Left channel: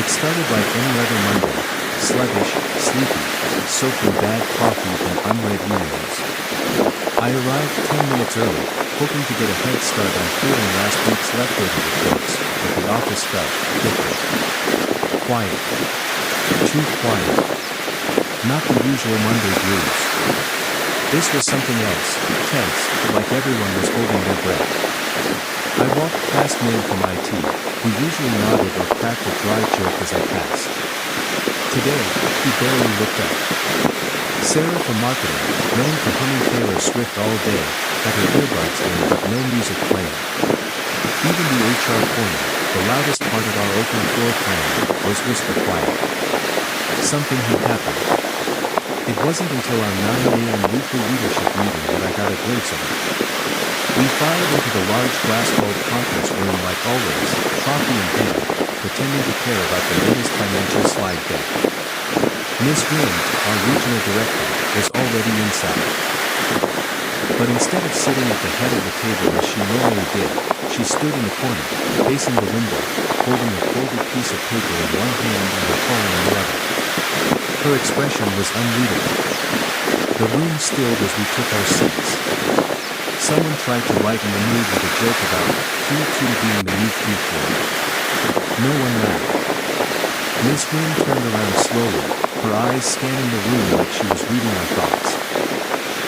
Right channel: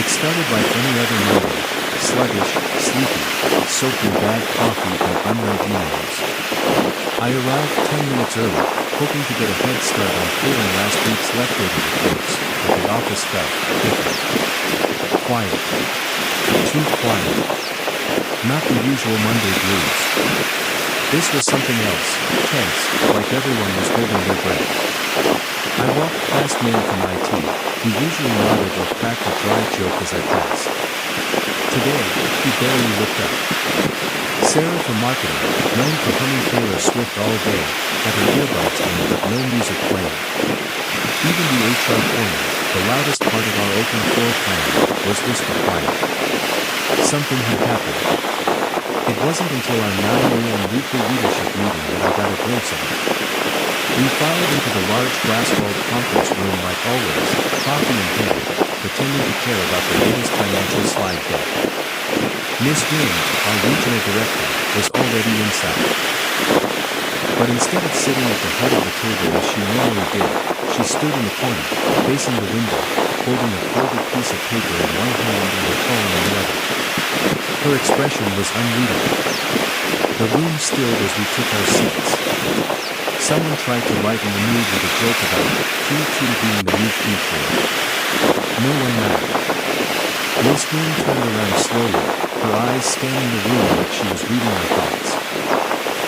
It started like any other Monday, sluggish, sleepy, soaked in bad coffee and unread emails. I arrived 10 minutes early, hoping to get a head start on clearing last week's leftover reports, but the office felt different. Quiet. Too quiet. Not the usual Monday blues. This was something else, tense, like everyone was holding their breath. I walked past men from IT, who usually nodded or cracked a dry joke as I passed. Today, he barely looked up. Sarah from marketing, known for humming Taylor Swift all day, had her earbuds in but no music playing. Even the HR corner, the loudest part of our open floor plan, was whisper quiet. Something had happened. It wasn't until our 9 a.m. weekly leadership meeting that I got a glimpse of it. We filed into the large glass-walled conference room like always, coffee in hand, pretending to care about the latest financial slide deck. Miss Wynn, our regional director, was already inside. But instead of sitting at the head of the table as she normally did, she stood in the corner, facing the window, holding a folded piece of paper in one hand and her phone in the other. Her expression was unreadable. The room stilled as we took our seats. Someone tried to lighten the mood with a joke about Q2 being the new Q4. No one laughed. Miss Wynn turned around slowly, her eyes scanning the room like she was reading our thoughts.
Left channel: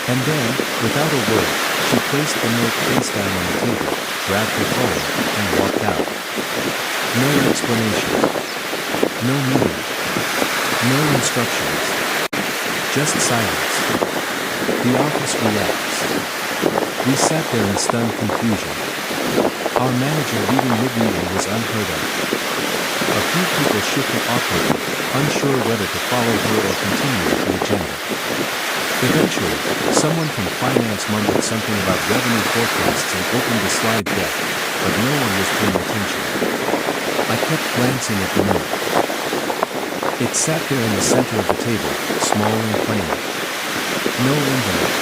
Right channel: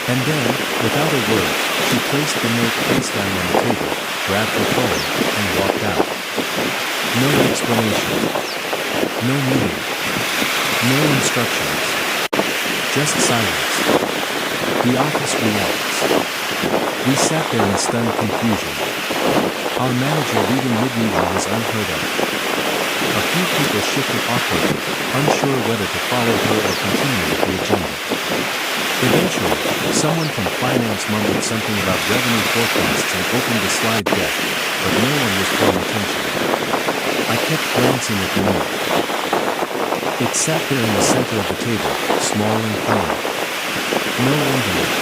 And then, without a word, she placed the note face down on the table, grabbed her phone, and walked out. No explanation. No meeting. No instructions. Just silence. The office reacts. We sat there in stunned confusion. Our manager leaving mid-meeting was unheard of. A few people shifted awkwardly, unsure whether to follow her or continue with the agenda. Eventually, someone from finance mumbled something about revenue forecasts and opened the slide deck, but no one was paying attention. I kept glancing at the note. It sat there in the center of the table, small and plain. No envelope.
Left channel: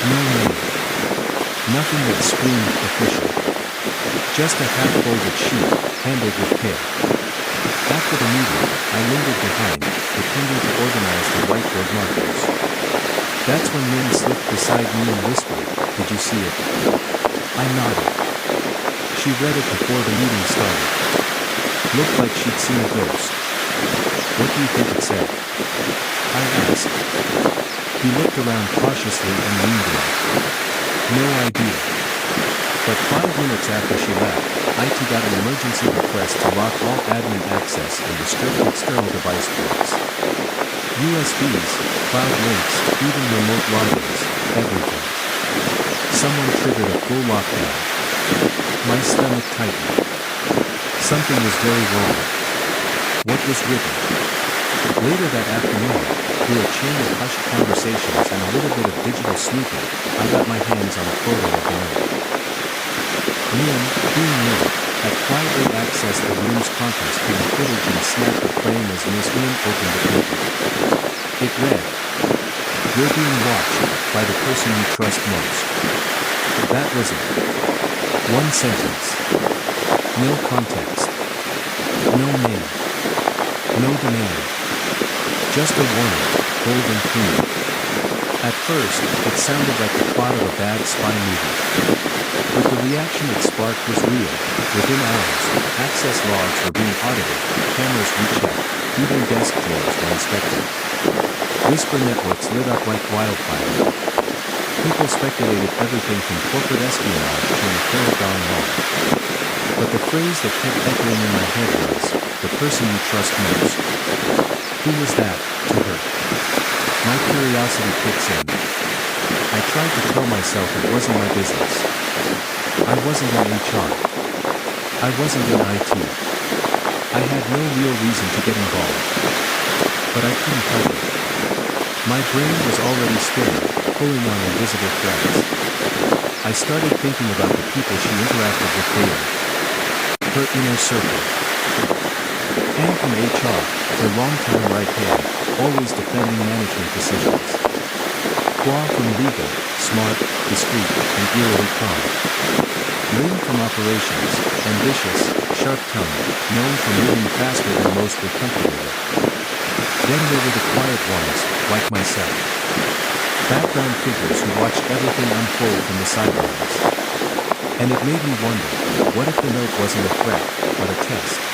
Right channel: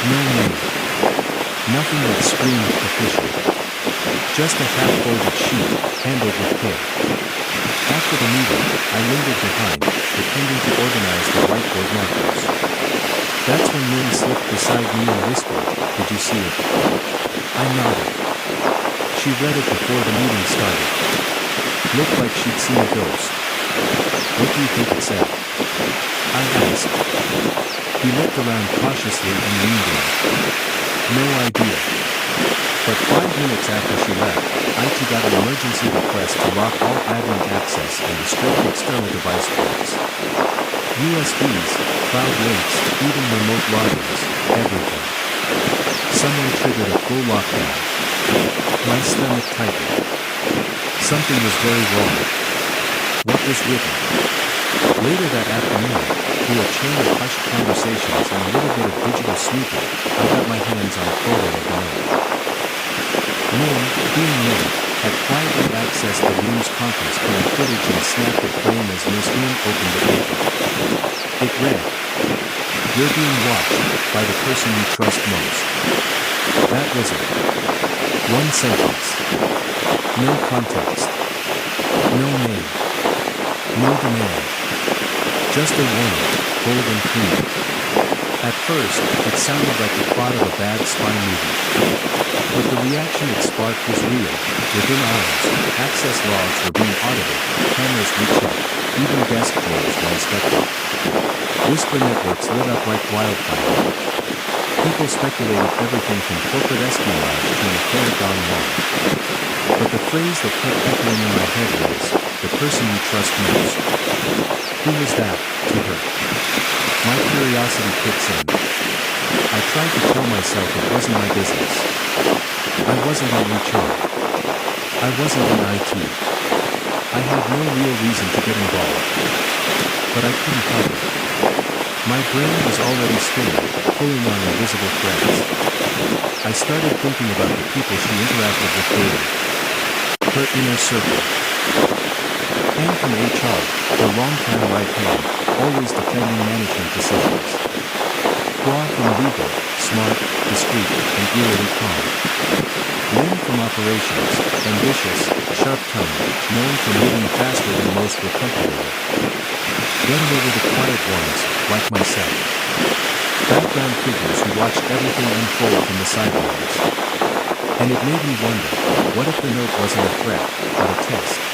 No name. Nothing that screamed official. Just a half-folded sheet, handled with care. After the meeting, I lingered behind, pretending to organize the whiteboard markers. That's when Lynn slipped beside me and whispered, "Did you see it?" I nodded. She read it before the meeting started. Looked like she'd seen a ghost. "What do you think it said?" I asked. He looked around cautiously and leaned in. No idea. But 5 minutes after she left, IT got an emergency request to lock all admin access and restrict external device ports. USBs, cloud links, even remote logins, everything. Someone triggered a full lockdown. My stomach tightened. Something was very wrong. What was written? Later that afternoon, through a chain of hushed conversations and a little bit of digital snooping, I got my hands on a photo of the note. Min, being Min, had quietly accessed the room's conference cam footage and snapped a frame as Miss Wynn opened the paper. It read, "You're being watched by the person you trust most." That was it. One sentence. No context. No name. No demand. Just a warning, bold and clean. At first, it sounded like the plot of a bad spy movie. But the reaction it sparked was real. Within hours, access logs were being audited, cameras rechecked, even desk drawers were inspected. Whisper networks lit up like wildfire. People speculated everything from corporate espionage to an affair gone wrong. But the phrase that kept echoing in my head was, "the person you trust most." Who was that, to her? My curiosity kicks in. I tried to tell myself it wasn't my business. I wasn't in HR. I wasn't in IT. I had no real reason to get involved. But I couldn't help it. My brain was already spinning, pulling on invisible threads. I started thinking about the people she interacted with daily. Her inner circle. Ann from HR, her longtime right hand, always defending management decisions. Hua from legal, smart, discreet, and eerily calm. Lynn from operations, ambitious, sharp-tongued, known for moving faster than most were comfortable with. Then there were the quiet ones, like myself. Background figures who watched everything unfold from the sidelines. And it made me wonder, what if the note wasn't a threat, but a test?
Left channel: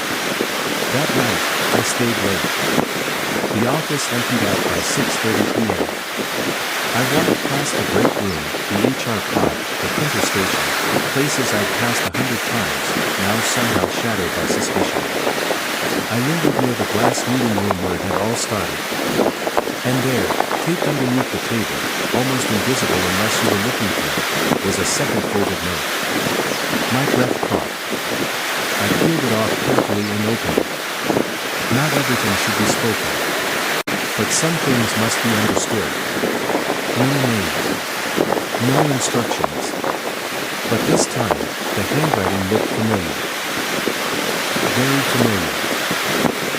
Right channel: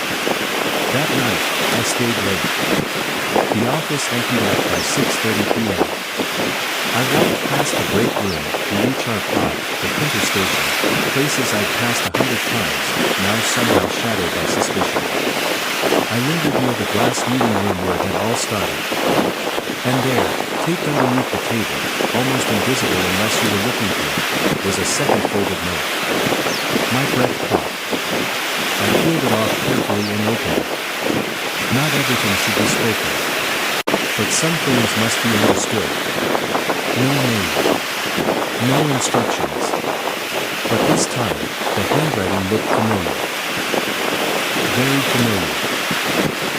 That night, I stayed late. The office emptied out by 6:30 p.m. I walked past the break room, the HR pod, the printer station, places I'd passed 100 times, now somehow shadowed by suspicion. I lingered near the glass meeting room where it had all started. And there, taped underneath the table, almost invisible unless you were looking for it, was a second folded note. My breath caught. I peeled it off carefully and opened it. Not everything should be spoken. But some things must be understood. No name. No instructions. But this time, the handwriting looked familiar. Very familiar.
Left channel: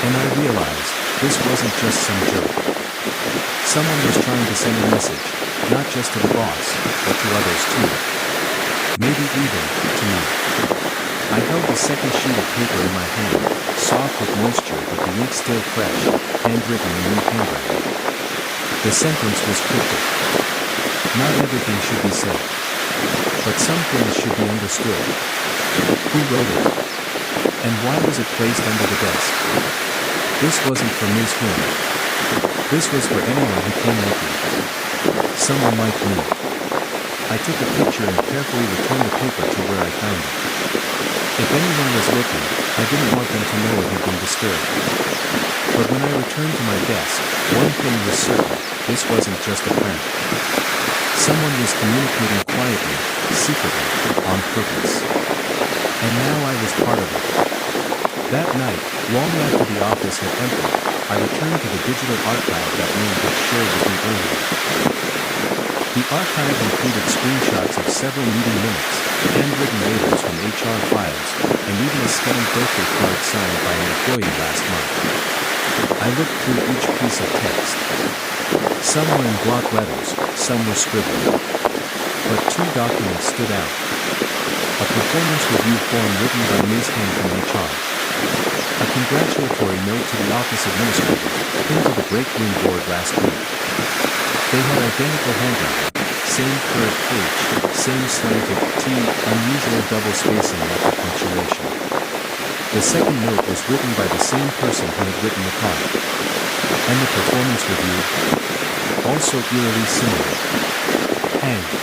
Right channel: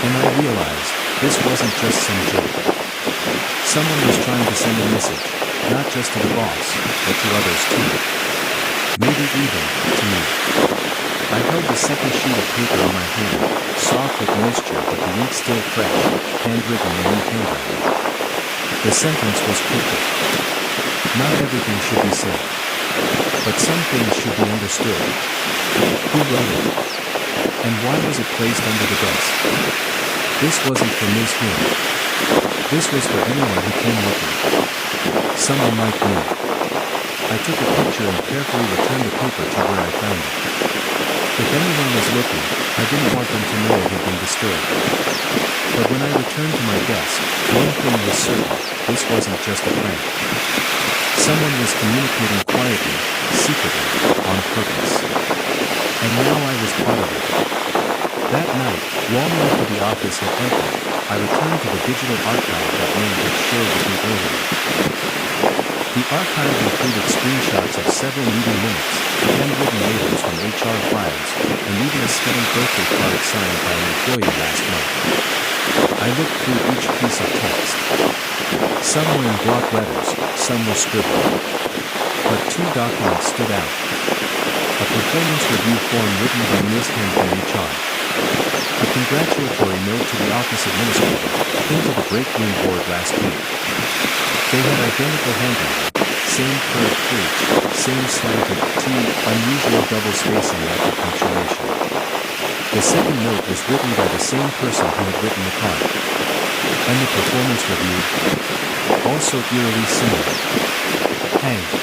And I realized, this wasn't just some joke. Someone was trying to send a message, not just to the boss, but to others too. Maybe even, to me. I held the second sheet of paper in my hand, soft with moisture but the ink still fresh, handwritten in neat handwriting. The sentence was cryptic. Not everything should be said. But some things should be understood. Who wrote it? And why was it placed under the desk? This wasn't for Ms. Wynne. This was for anyone who came looking. Someone like me. I took a picture and carefully returned the paper to where I found it. If anyone was looking, I didn't want them to know it had been disturbed. But when I returned to my desk, one thing was certain, this wasn't just a prank. Someone was communicating quietly, secretly, on purpose. And now I was part of it. That night, long after the office had emptied, I returned to the digital archive that Wayne had shared with me earlier. The archive included screenshots of several meeting minutes, handwritten labels from HR files, and even a scanned birthday card signed by an employee last month. I looked through each piece of text. Some were in block letters, some were scribbled. But two documents stood out. A performance review form written by Ms. Heng from HR. A congratulatory note to the office administrator, pinned to the break room board last week. They had identical handwriting, same curved H, same slanted T, unusual double spacing after punctuation. The second note was written by the same person who had written the card. And the performance review? Also eerily similar. Hang.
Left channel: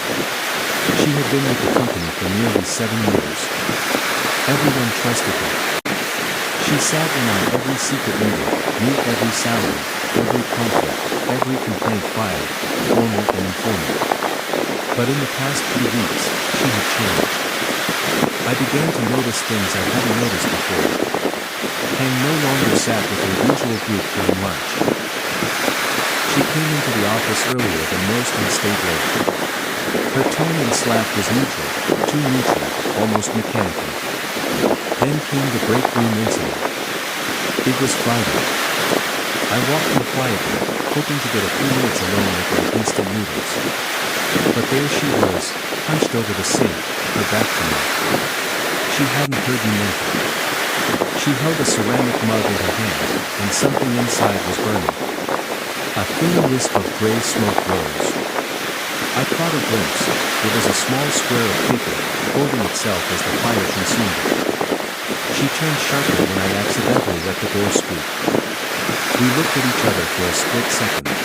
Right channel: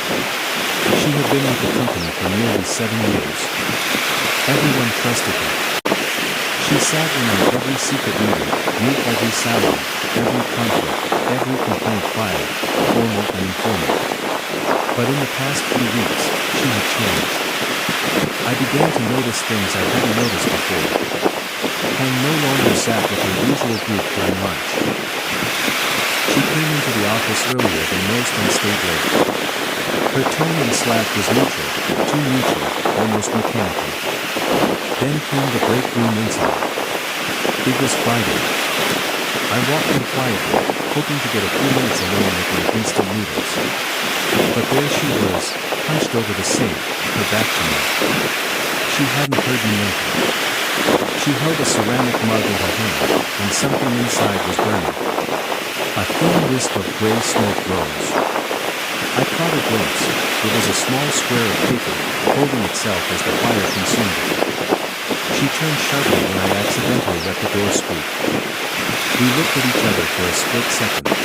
She had been with the company for nearly 7 years. Everyone trusted her. She sat in on every secret meeting, knew every salary, every conflict, every complaint filed, formal and informal. But in the past few weeks, she had changed. I began to notice things I hadn't noticed before. Heng no longer sat with her usual group during lunch. She came into the office earlier than most and stayed late. Her tone and slack was neutral, too neutral, almost mechanical. Then came the break room incident. It was Friday. I walked in quietly, hoping to get a few minutes alone with my instant noodles. But there she was, hunched over the sink, her back to me. She hadn't heard me enter. She held a ceramic mug in her hand, and something inside was burning. A thin wisp of gray smoke rose. I caught a glimpse. It was a small square of paper, holding itself as the fire consumed it. She turned sharply when I accidentally let the door squeak. We looked at each other for a split second.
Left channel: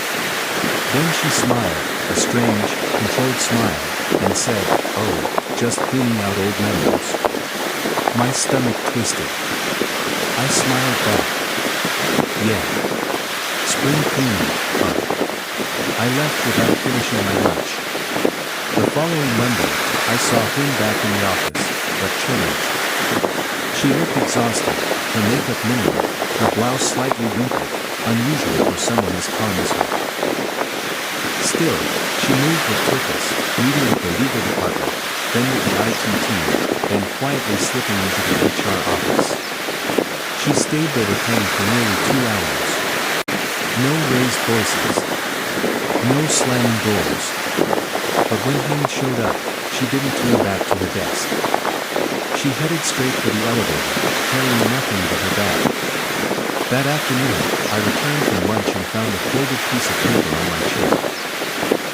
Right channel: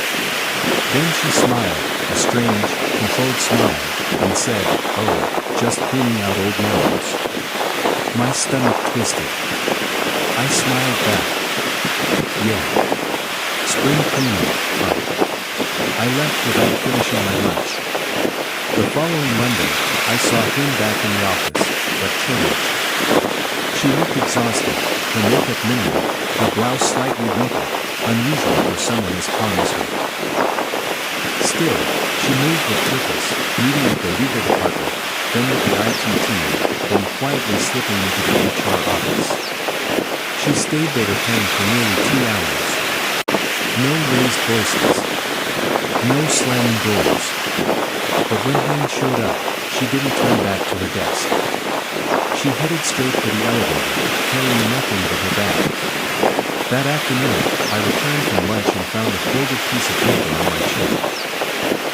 Then she smiled, a strange, controlled smile, and said, "Oh, just cleaning out old memories." My stomach twisted. I smiled back. "Yeah. Spring cleaning, huh?" I left without finishing my lunch. The following Monday, I saw him back in the office, but changed. She looked exhausted, her makeup minimal, her blouse slightly wrinkled, unusual for someone as calm as her. Still, she moved with purpose, meeting with the legal department, then with the IT team, then quietly slipping into the HR office. She stayed there with Heng for nearly 2 hours. No raised voices. No slamming doors. But when Heng showed up, she didn't turn back to her desk. She headed straight for the elevator, carrying nothing but her bag. That afternoon, I returned from lunch and found a folded piece of paper on my chair.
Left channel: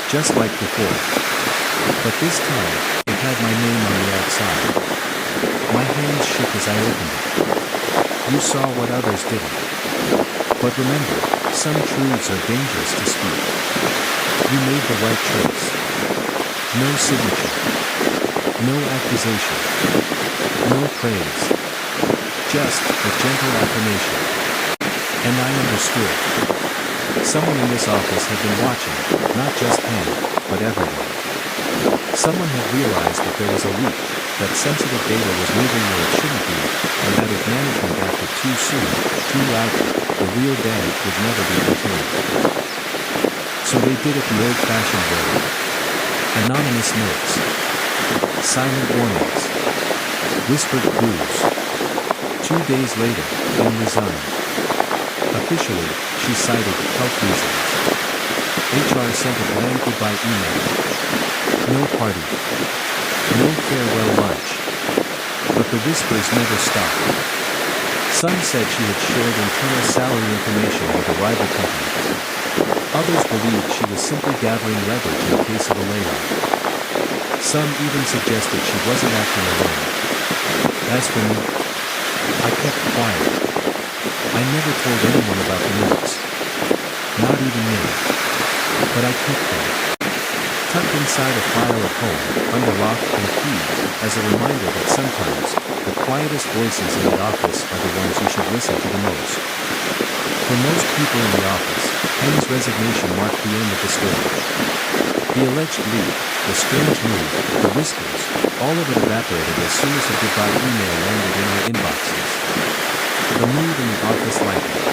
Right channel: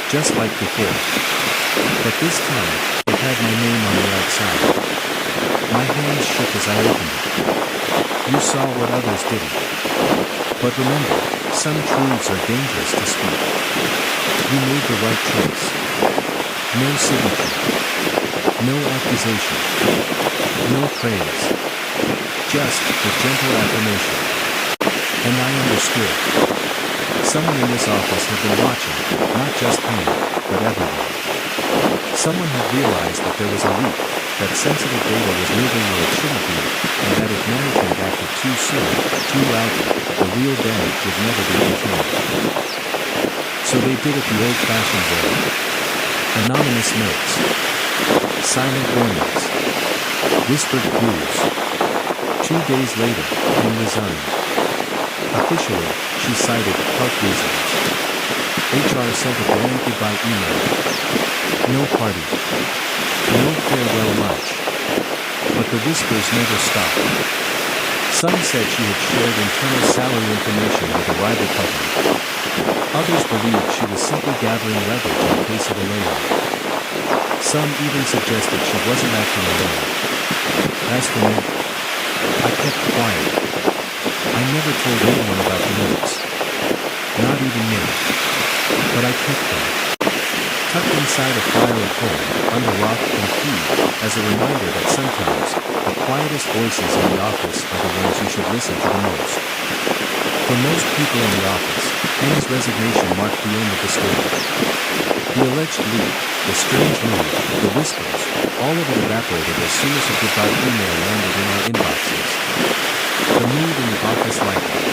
Just like before. But this time, it had my name on the outside. My hands shook as I opened it. You saw what others didn't. But remember, some truths are dangerous to speak. You made the right choice. No signature. No accusation. No praise. Just a gentle affirmation. And I understood. Someone in this office had been watching, not just Hank, but everyone. Someone had realized that there was a leak, that sensitive data was moving where it shouldn't be, and that if management acted too soon, too loudly, the real damage would never be contained. So they did it the old-fashioned way. Anonymous notes. Silent warnings. Whispered clues. 2 days later, Hank resigned. Officially, she cited health reasons. HR sent a bland goodbye email. No party. No farewell lunch. But the whispers never stopped. Some said she had shared internal salary information with a rival company. Others believed she was simply gathering leverage in case of a layoff. Some even suggested she wasn't acting alone. As for me, I kept quiet. I never told anyone about the notes. Not even me. But I kept them. Tucked inside a file at home, under lock and key, as a reminder that sometimes, the quietest voices in the office are the ones you should listen to the most. For most people in the office, Heng's resignation marked the end of the story. The alleged leak, the strange mood, the whispers, all of it evaporated as soon as a goodbye email landed in our inboxes. The mood in the office lightened.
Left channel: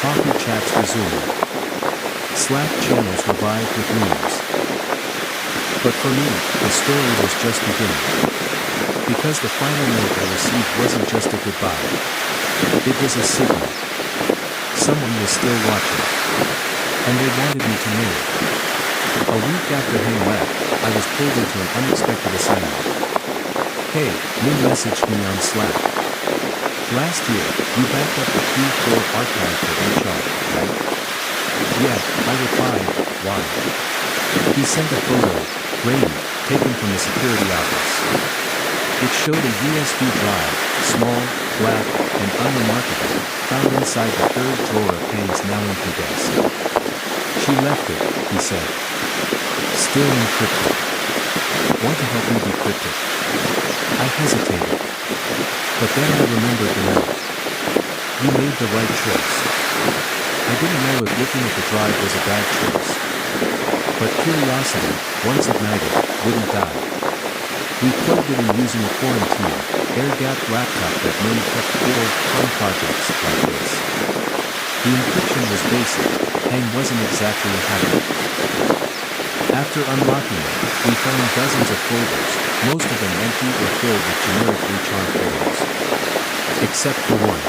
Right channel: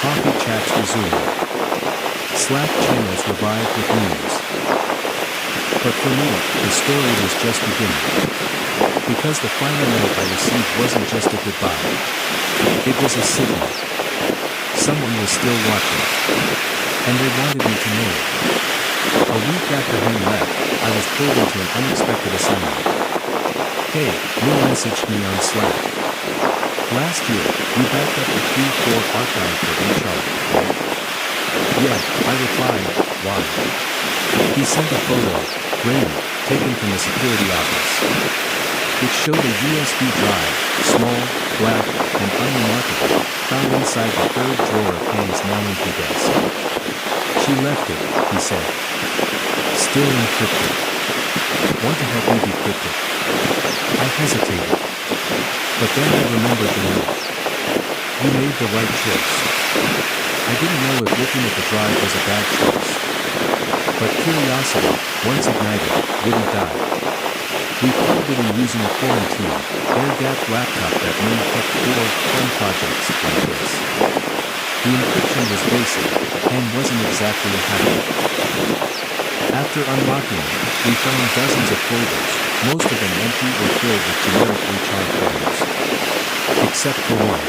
Coffee chats resumed. Slack channels revived with news. But for me, the story was just beginning. Because the final note I received wasn't just a goodbye. It was a signal. Someone was still watching. And they wanted me to know it. A week after Heng left, I was pulled into an unexpected assignment. Hey, Min messaged me on Slack. Last year, you backed up the Q4 archive for HR, right? Yeah, I replied, why? He sent a photo, grainy, taken from the security office. It showed a USB drive, small, black, and unremarkable, found inside the third drawer of Heng's now empty desk. She left it, he said. Still encrypted. Want to help me decrypt it? I hesitated. But then I remembered the note. You made the right choice. I didn't know if looking at the drive was a bad choice. But curiosity, once ignited, wouldn't die. We plugged it in using a quarantine, air-gapped laptop that Min kept 4 fun projects like this. The encryption was basic, Heng wasn't exactly a hacker. After unlocking it, we found dozens of folders, most of them empty or filled with generic HR folders. Except for one.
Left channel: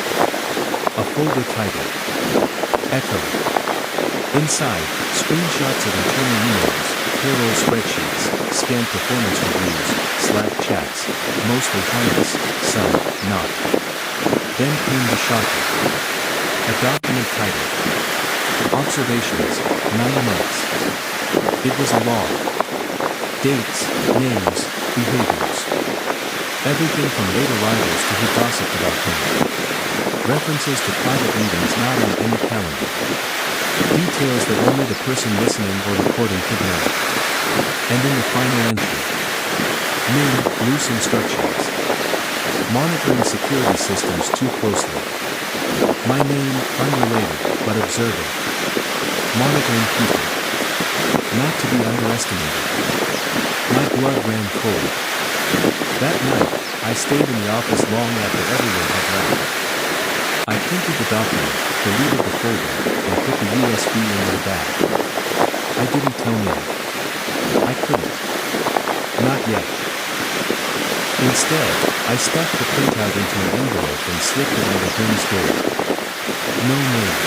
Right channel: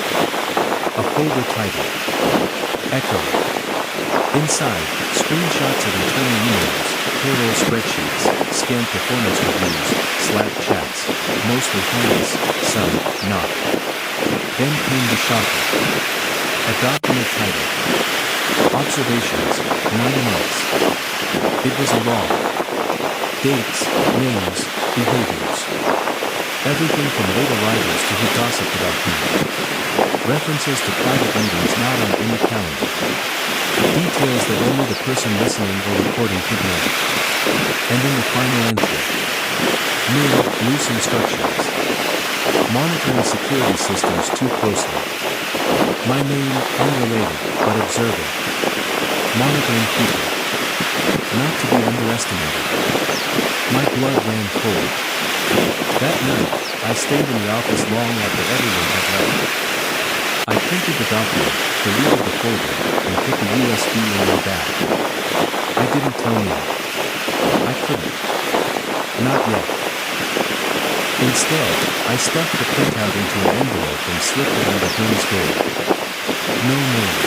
A folder titled Echo. Inside, screenshots of internal emails, payroll spreadsheets, scanned performance reviews, Slack chats, mostly harmless, some not. Then came the shocker. A document titled Observations, 9 months. It was a log. Dates, names, behaviors. Everything from late arrivals to who gossiped about whom. References to private meetings not on any calendar. Details that only the person listening or recording could know. And in the final entry. Min, loose instructions. Monitoring security systems too closely. My name, unrelated, but observing. Monitoring people. Not to be underestimated. My blood ran cold. That night, I stayed in the office long after everyone had left. I printed the document, deleted the folder, and put the USB in my bag. I didn't tell Min. I couldn't. Not yet. Instead, I stuffed the printout into an envelope and slipped it under Min's door. No name.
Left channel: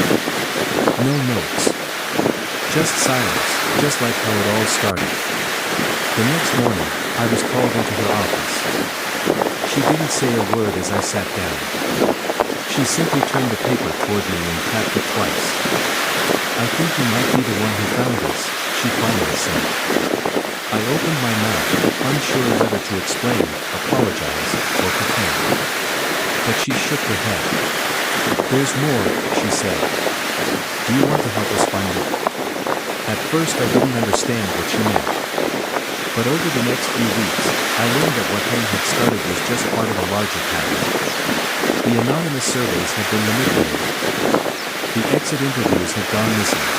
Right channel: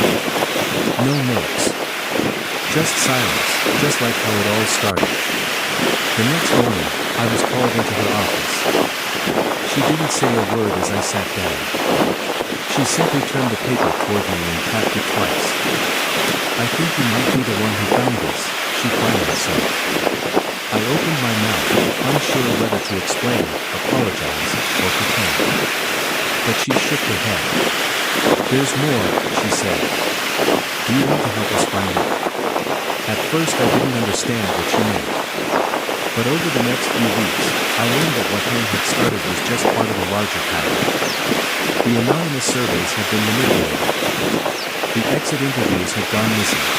No notes. Just silence, just like how it all started. The next morning, I was called into her office. She didn't say a word as I sat down. She simply turned the paper toward me and tapped it twice. "I think you might be the one who found this," she finally said. I opened my mouth, unsure whether to explain, apologize, or pretend. But she shook her head. "There's more," she said. "Do you want to help us find it?" At first I didn't understand what she meant. But over the next few weeks, I learned that what Heng had started was just part of a larger pattern. The anonymous surveys had been manipulated. The exit interviews had gone missing.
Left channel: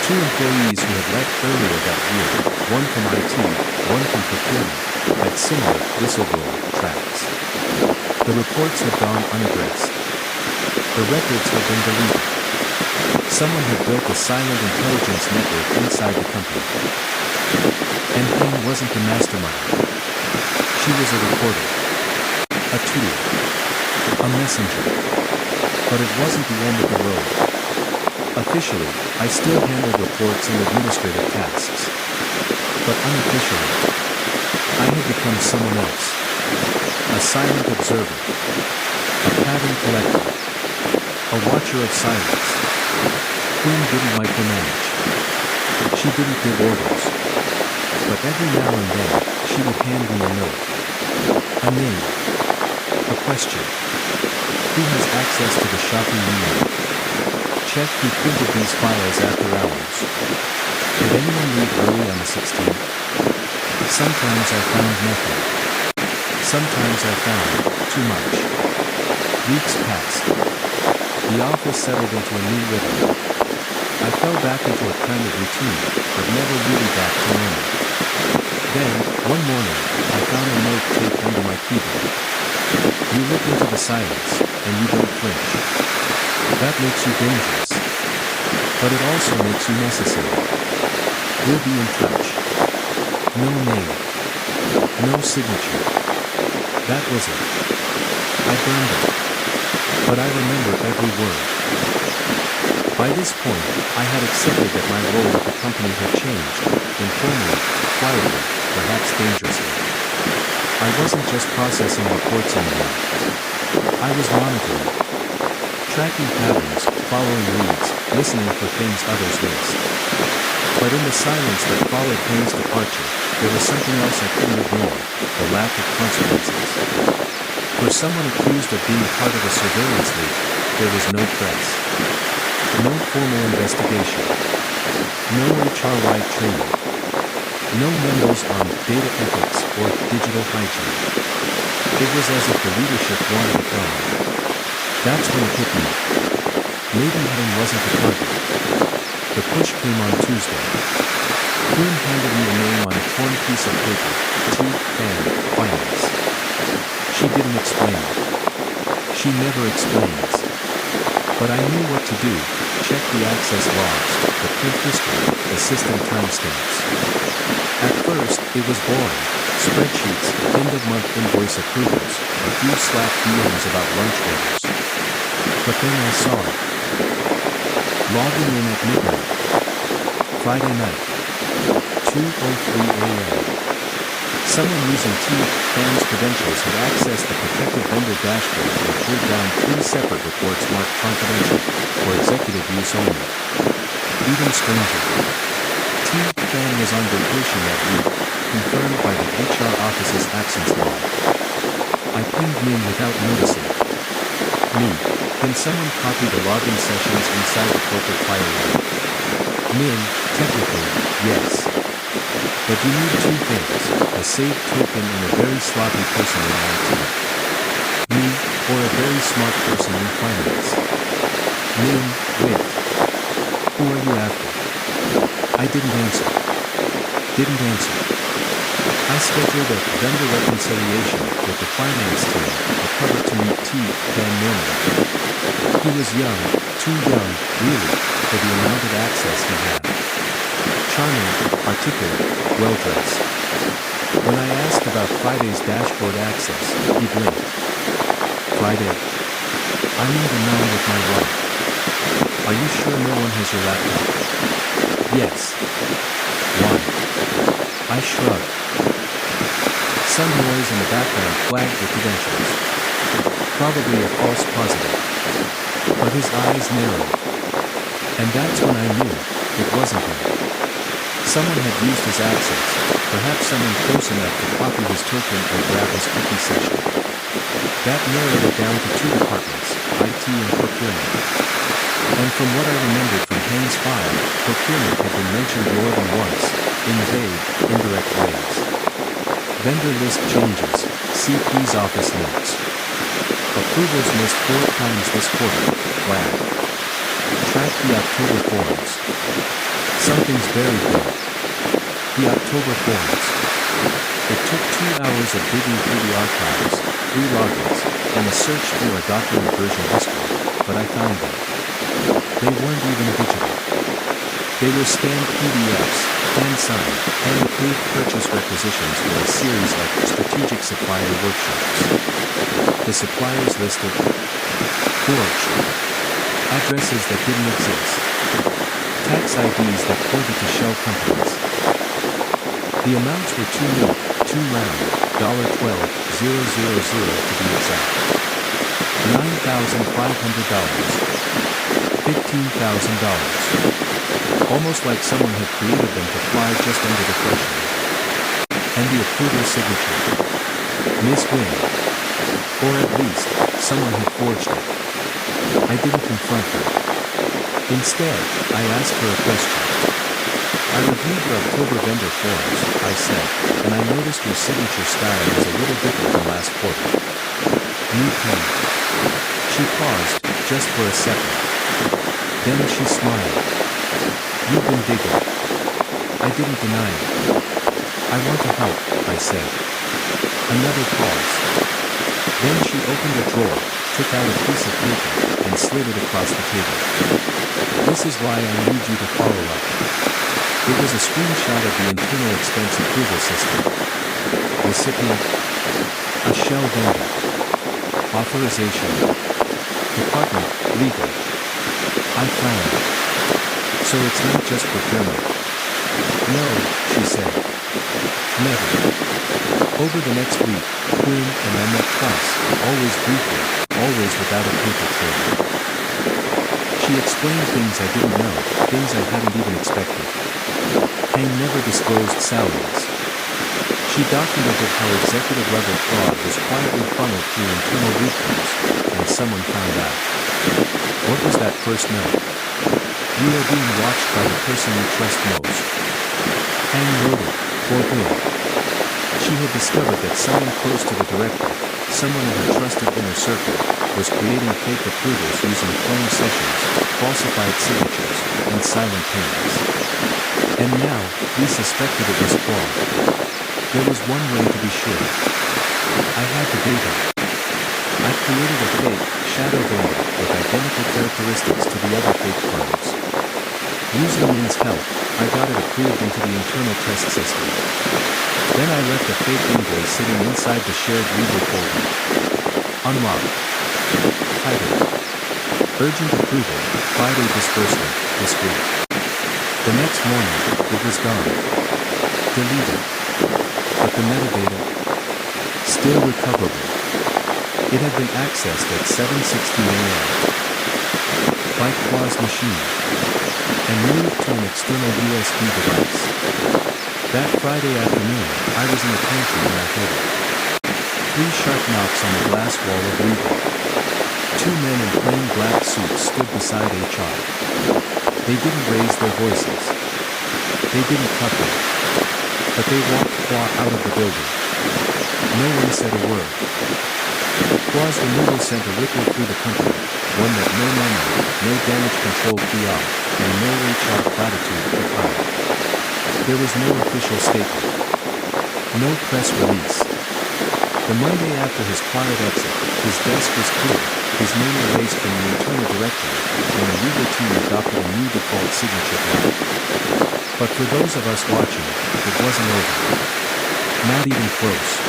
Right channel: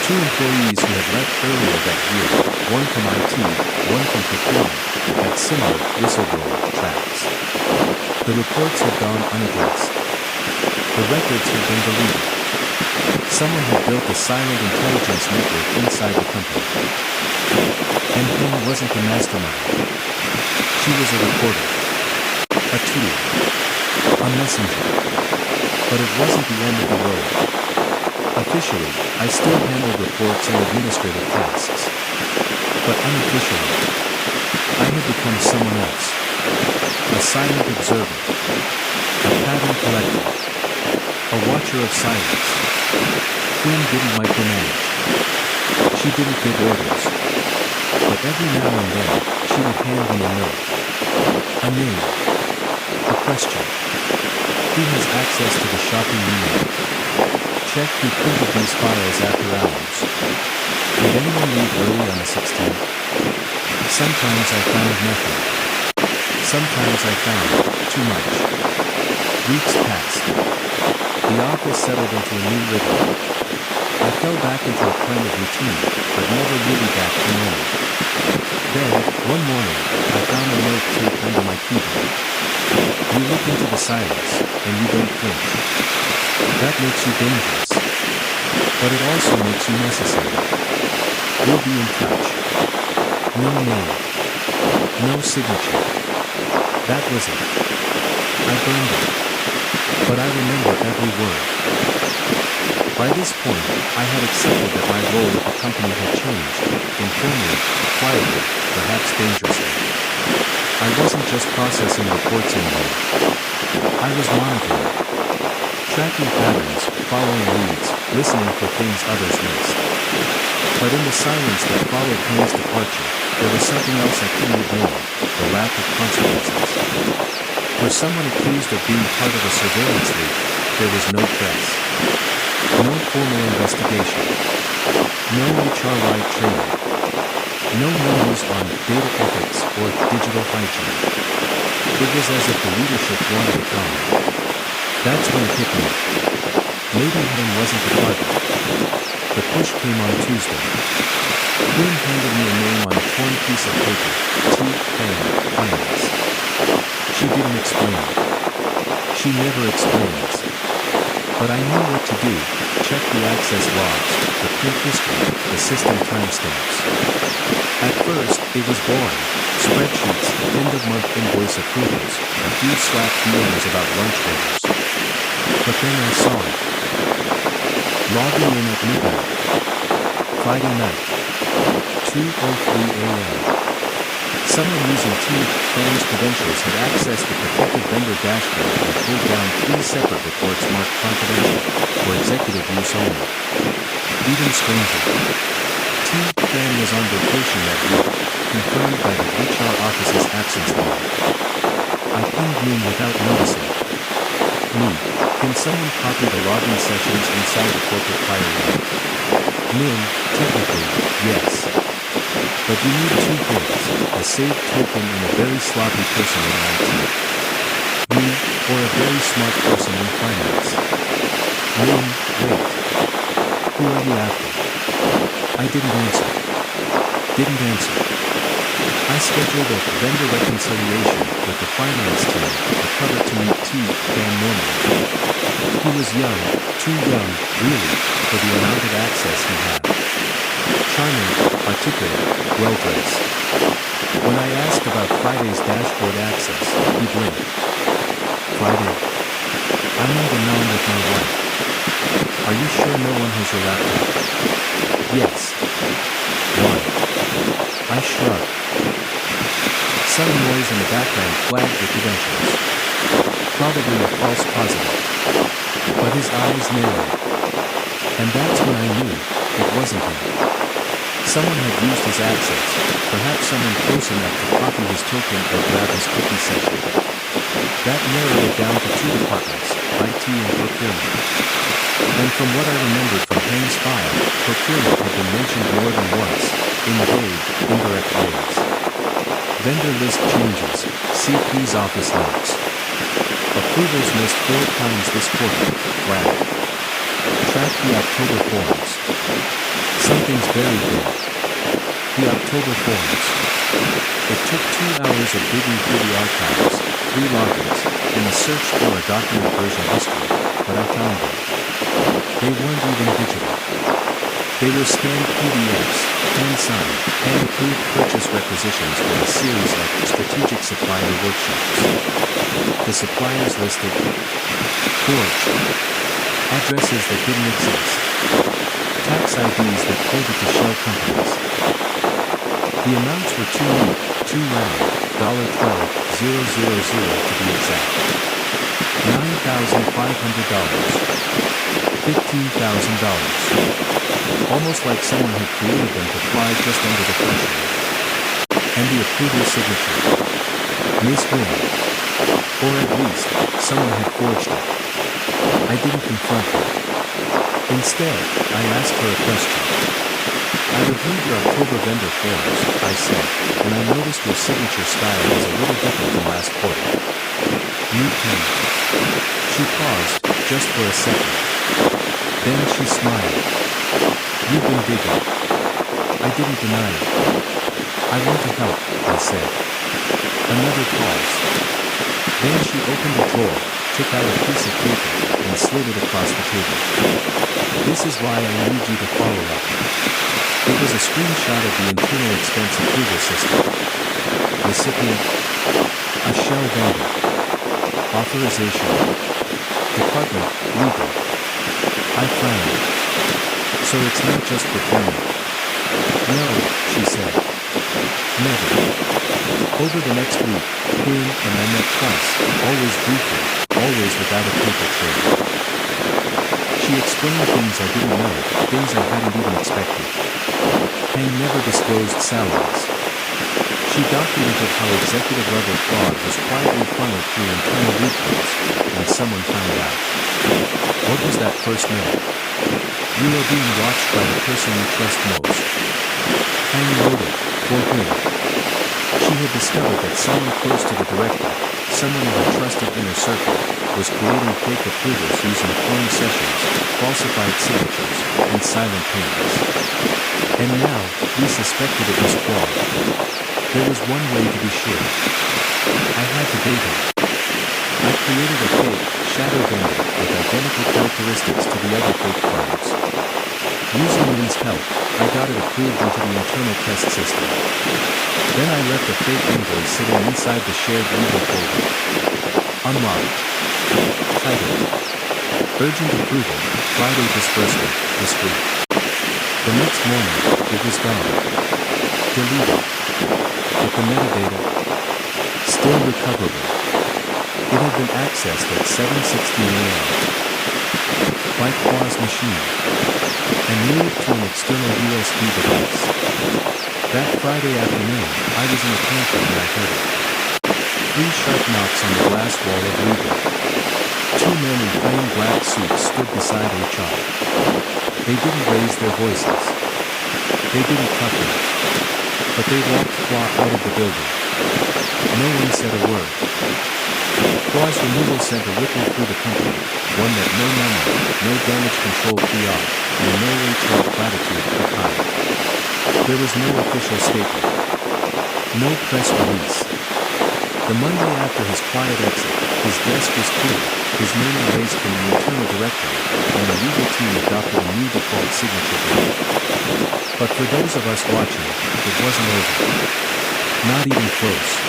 2 employees who had left earlier that year, one from IT, one from procurement, had similar whistleblower tracks. The reports had gone unaddressed. The records had been deleted. Someone had built a silent intelligence network inside the company. And Heng wasn't the mastermind. She was a reporter. A tool. A messenger. But it wasn't the end of the road. Officially, I still handled reports and administrative tasks. But unofficially, I had become someone else. A silent observer. A pattern collector. A watcher of silence. Quinn didn't micromanage. She didn't give orders. But every now and then, she would hand me a note. A name. A question. Who has access to the shopping email? Check who printed these files after hours. Did anyone leave early on the 16th? Sometimes I found nothing. Sometimes I found too much. Weeks passed. The office settled into a new rhythm. I fell back into a kind of routine, but never really back to normal. Then, one morning, I found a note taped under my keyboard. "You look into the silence, and you don't flinch. That makes you dangerous. But it also makes you necessary. We'll be in touch." No name. No signature. That was it. I burned it. But I remember every word. By this point, I had accepted that my role at the company had changed, informally, quietly, perhaps dangerously. I wasn't just processing reports anymore. I was monitoring. Tracking patterns, following leads, listening for things others missed. But in the silence that followed Heng's departure, there was something else I couldn't ignore, the lack of consequences. For someone accused of being part of a surveillance leak, there was no press. No formal investigation. No HR-wide training. No memos on data ethics or digital hygiene. It was as if the leadership wanted it gone. That's when it hit me. Maybe Heng wasn't the target. The push came on Tuesday. Quinn handed me a name on a torn piece of paper, T-Fan, Finance. She didn't explain. She never explains. But I knew what to do, check the access logs, the print history, the system timestamps. At first, it was boring. Spreadsheets, end-of-month invoice approvals, a few Slack DMs about lunch orders. But then I saw it. Logging in at midnight. Friday night. 2:03 a.m. Someone using T-Fan's credentials had accessed the protected vendor dashboard and pulled down 3 separate reports marked confidential, for executive use only. Even stranger. T-Fan was on vacation that week, confirmed by the HR office's absence log. I pinged Min without noticing. "Me, can someone copy the login sessions inside the corporate firewall?" Min, technically, yes. But you need 2 things, a saved token and a very sloppy person in IT. Me, or a very smart person in finance. Min, wait. Who are you after? I didn't answer. I scheduled a vendor reconciliation with the finance team, a cover to meet T-Fan normally. He was young, too young, really, for the amount of access he had. Charming, articulate, well-dressed. When I asked about Friday's dashboard access, he blinked. "Friday? I'm in Danang with my wife. Are you sure no one has your laptop?" "Yes." "Why?" I shrugged. Some noise in the background flagged your credentials. Probably a false positive. But his eyes narrowed. And that's when I knew it wasn't him. Someone had used his access, perhaps someone close enough to copy his token or grab his cookie session. That narrowed it down to two departments, IT and procurement. And from what I remembered from Hang's file, procurement had been mentioned more than once, in vague, indirect ways. Vendor list changes, CP's office notes. Approvals missed 4 times this quarter, flag. Track the October forms. Something's buried there. The October forms. It took 2 hours of digging through the archives, 3 logins, and a search through our document version history, but I found them. They weren't even digital. They were scanned PDFs, hand-signed, hand-approved purchase requisitions for a series of strategic supplier workshops. The suppliers listed forged addresses that didn't exist, tax IDs that pointed to shell companies. The amounts were too neat, too round, $12,000 to be exact. $9,500. $15,000. Almost like someone had created them to fly just under the threshold. And the approval signature. Ms. Wynn. Or at least, someone had forged it. I didn't confront her. Instead, I asked her a question. I reviewed your October vendor forms, I said, and I noticed your signature style was a little different than last quarter. New pen. She paused, just for a second. Then she smiled. You've been digging. I didn't deny it. I want to help, I said. Another pause. Then she opened a drawer, took out a piece of paper, and slid it across the table. This is why I need you to follow up. It was a screenshot of the internal expense approval system. Recipient. A shell vendor. Authorization. Department, legal. I frowned. So it's not just procurement. No, she said. Never. Over the next week, Quinn and I met twice, always briefly, always without a paper trail. She explained things I didn't know, things I hadn't even expected. Hang never disclosed salaries. She documented how executive-level fraud was quietly funneled through internal loopholes, and someone found out. What was that first note? You are being watched by the person you trust most. Hang wrote it, for Quinn. She had discovered that someone close to the director, someone in her trusted inner circle, was creating fake approvals using cloned sessions, falsified signatures, and silent payments. And now, we suspected it was fraud. There was one way to be sure. I had to date her. I created a fake, shadow vendor with identical characteristics to the other fake firms. Using Min's help, I got it approved into the internal test system. Then I left a fake invoice sitting inside the shared legal folder. Unlocked. Title. Urgent approval, Friday disbursement, discreet. The next morning, it was gone. Deleted. But the metadata? Still recoverable. It had been accessed at 7:16 a.m. by Qua's machine, and moved to an external USB device. That Friday afternoon, I was in the pantry when I heard it. 3 sharp knocks on the glass wall of legal. 2 men in plain black suits stood beside HR. They didn't raise their voices. They didn't cut them. But they walked Qua out of the building. No one said a word. Qua's removal sent a ripple through the company, one that no memo, no damage control PR, and no HR platitude could hide. There was no official statement. No press release. The Monday after his quiet exit, his desk was clear, his name erased from the internal directory, and the legal team adopted a new default signature block. But for those of us watching, it wasn't over. Not even close.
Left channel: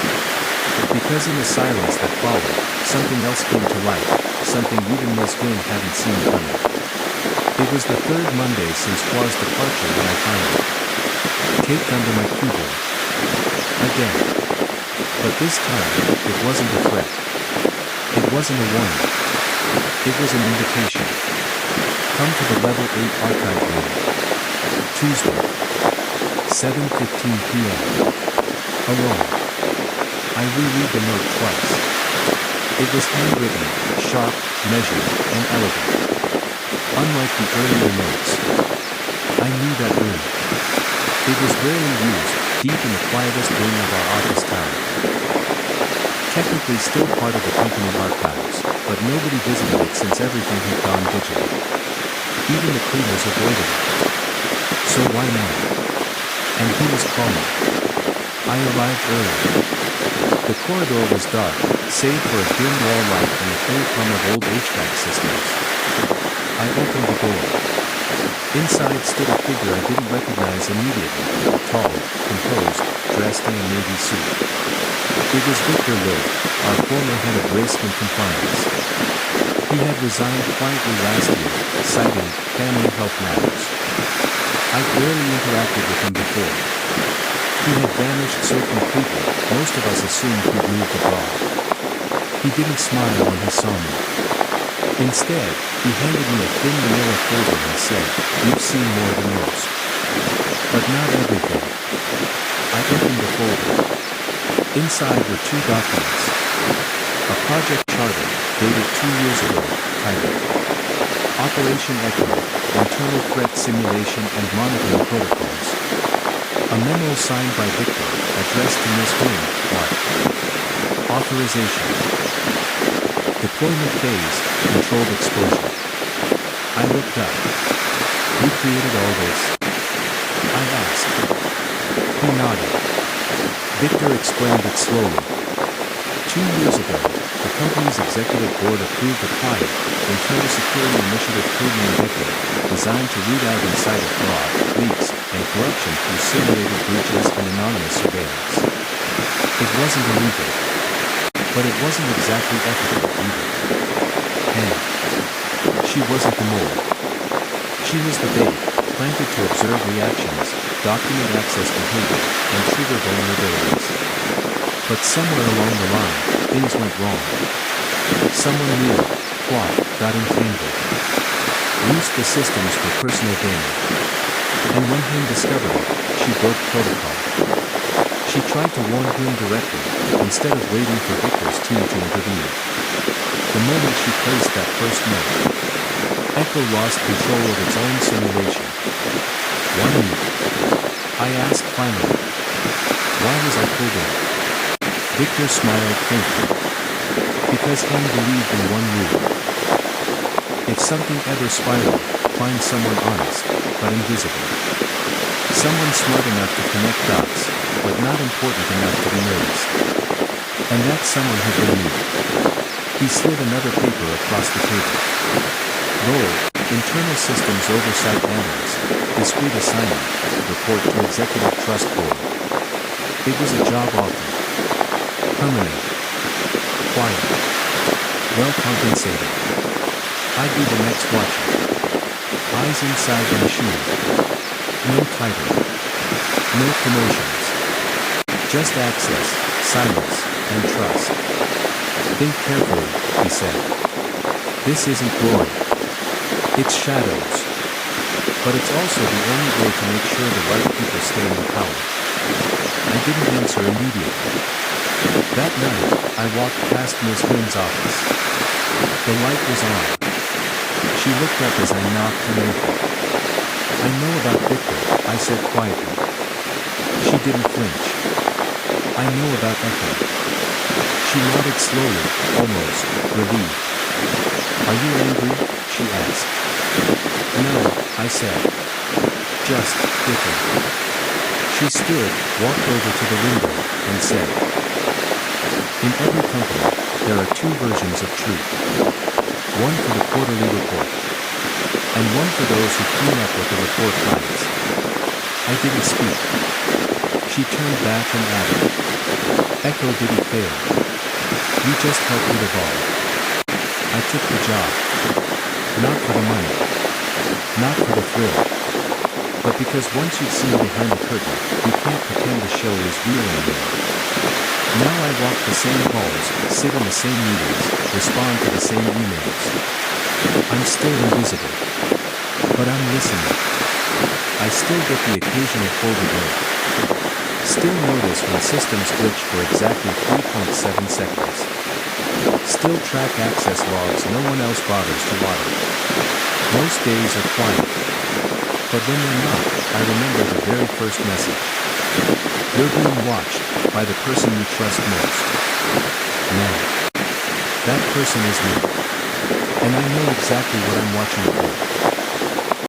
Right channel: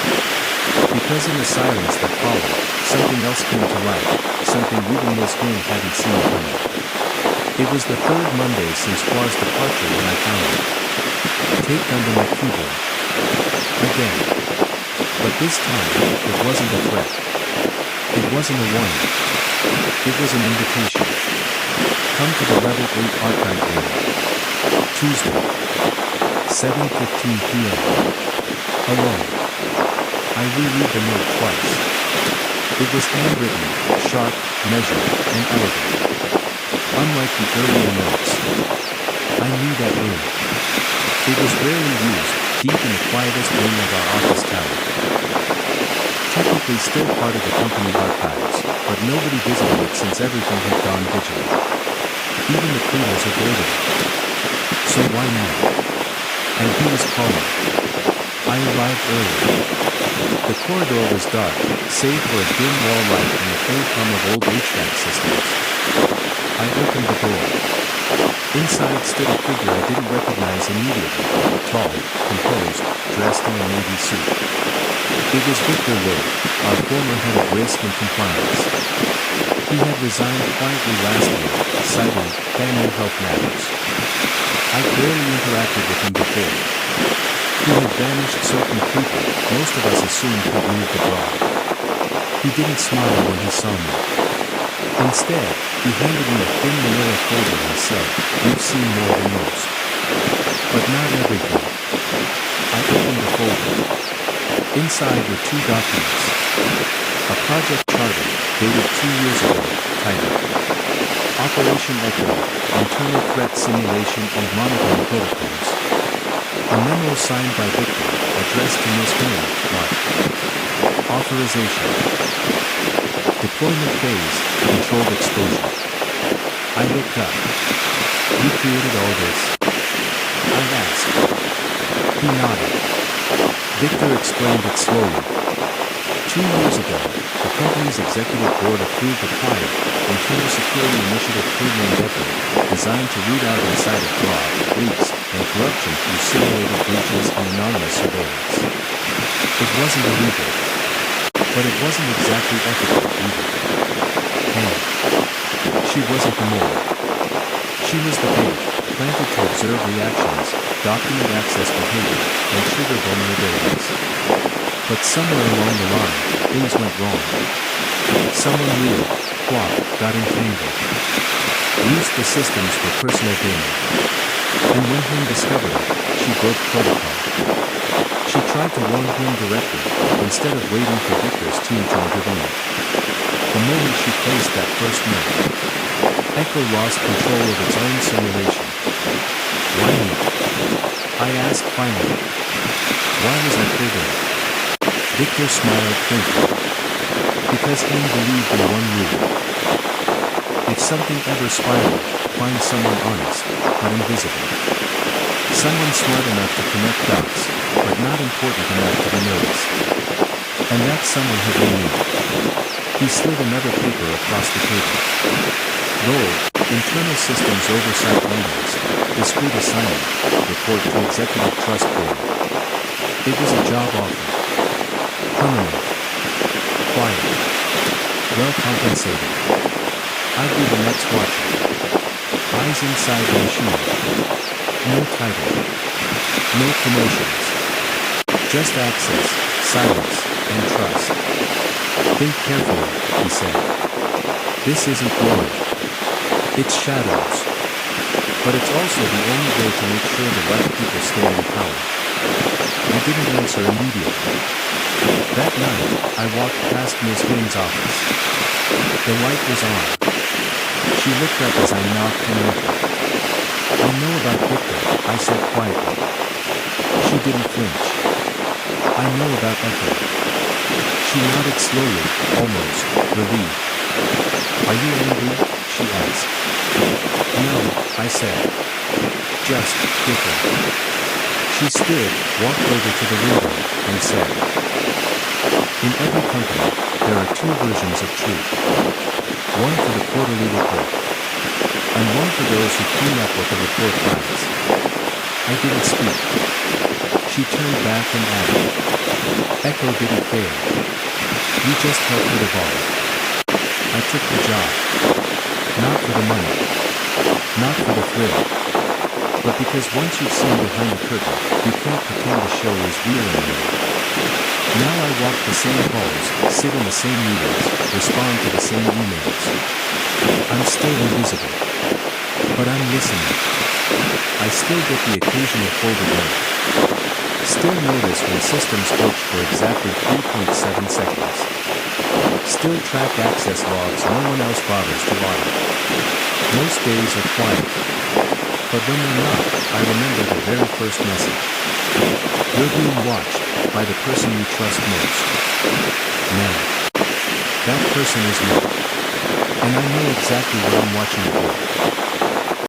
Because in the silence that followed, something else came to light, something even Ms. Wynn hadn't seen coming. It was the 3rd Monday since Qua's departure when I found it. Taped under my keyboard. Again. But this time, it wasn't a threat. It wasn't a warning. It was an invitation. Come to the Level 8 archive room. Tuesday, 7:15 p.m. Alone. I reread the note twice. It was handwritten, sharp, measured, and elegant. Unlike the earlier notes. I knew that room. It was rarely used, deep in the quietest wing of our office tower. Technically still part of the company archives, but nobody visited it since everything had gone digital. Even the cleaners avoided it. So why now? And he was calling. I arrived early. The corridor was dark, save for a dim wall light and the faint hum of old HVAC systems. I opened the door. Inside stood a figure I didn't recognize immediately, tall, composed, dressed in a navy suit. It was Victor Loeb, our former head of risk and compliance. He had resigned quietly last year, citing family health matters. I'd barely interacted with him before. He had vanished so completely, most of us assumed he'd moved abroad. He didn't smile when he saw me. Instead, he handed me a thin manila folder and said, "You've seen more than most. But not everything." I opened the folder. Inside were two documents. A project charter, dated 2 years ago, titled Operation Echo, Internal Threat Simulation and Monitoring Protocols. A memo signed by Victor, addressed to Ms. Wynne, marked Authorization. Deployment phase, controlled exposure. I looked up. You created all this? I asked. He nodded. Victor explained it slowly. 2 years ago, the company's executive board approved a quiet, internal security initiative codenamed ECHO, designed to root out insider fraud, leaks, and corruption through simulated breaches and anonymous surveillance. It wasn't illegal. But it wasn't exactly ethical either. And she wasn't the mole. She was the bait, planted to observe reactions, document access behavior, and trigger vulnerabilities. But somewhere along the line, things went wrong. Someone real, got entangled. Used the systems for personal gain. And when Hing discovered it, she broke protocol. She tried to warn him directly, instead of waiting for Victor's team to intervene. The moment she placed that first note, Echo lost control of its own simulation. Why me? I asked finally. Why was I pulled in? Victor smiled faintly. Because Hing believed in one rule. If something ever spiraled, find someone honest, but invisible. Someone smart enough to connect dots, but not important enough to be noticed. And that someone had been me. He slid another paper across the table. Role, Internal Systems Oversight Analyst, Discrete Assignment, Report to Executive Trust Board. It was a job offer. Permanent. Quiet. Well compensated. I'd be the next watcher. Eyes inside the machine. No title. No promotions. Just access, silence, and trust. Think carefully, he said. This isn't glory. It's shadows. But it's also the only way to make sure the right people stay in power. I didn't answer immediately. That night, I walked past Ms. Wynn's office. The light was on. She looked up as I knocked and entered. I know about Victor, I said quietly. She didn't flinch. I know about Echo. She nodded slowly, almost relieved. Are you angry? She asked. No, I said. Just different. She stood, walked over to the window, and said, in every company, there are two versions of truth. One for the quarterly report. And one for those who clean up what the report hides. I didn't speak. She turned back and added, Echo didn't fail. You just helped it evolve. I took the job. Not for the money. Not for the thrill. But because once you've seen behind the curtain, you can't pretend the show is real anymore. Now I walk the same halls, sit in the same meetings, respond to the same emails. I'm still invisible. But I'm listening. I still get the occasional folded note. Still notice when systems glitch for exactly 3.7 seconds. Still track access logs no one else bothers to audit. Most days are quiet. But when they're not, I remember the very first message. You're being watched by the person you trust most. Now, that person is me. And I know exactly what I'm watching for.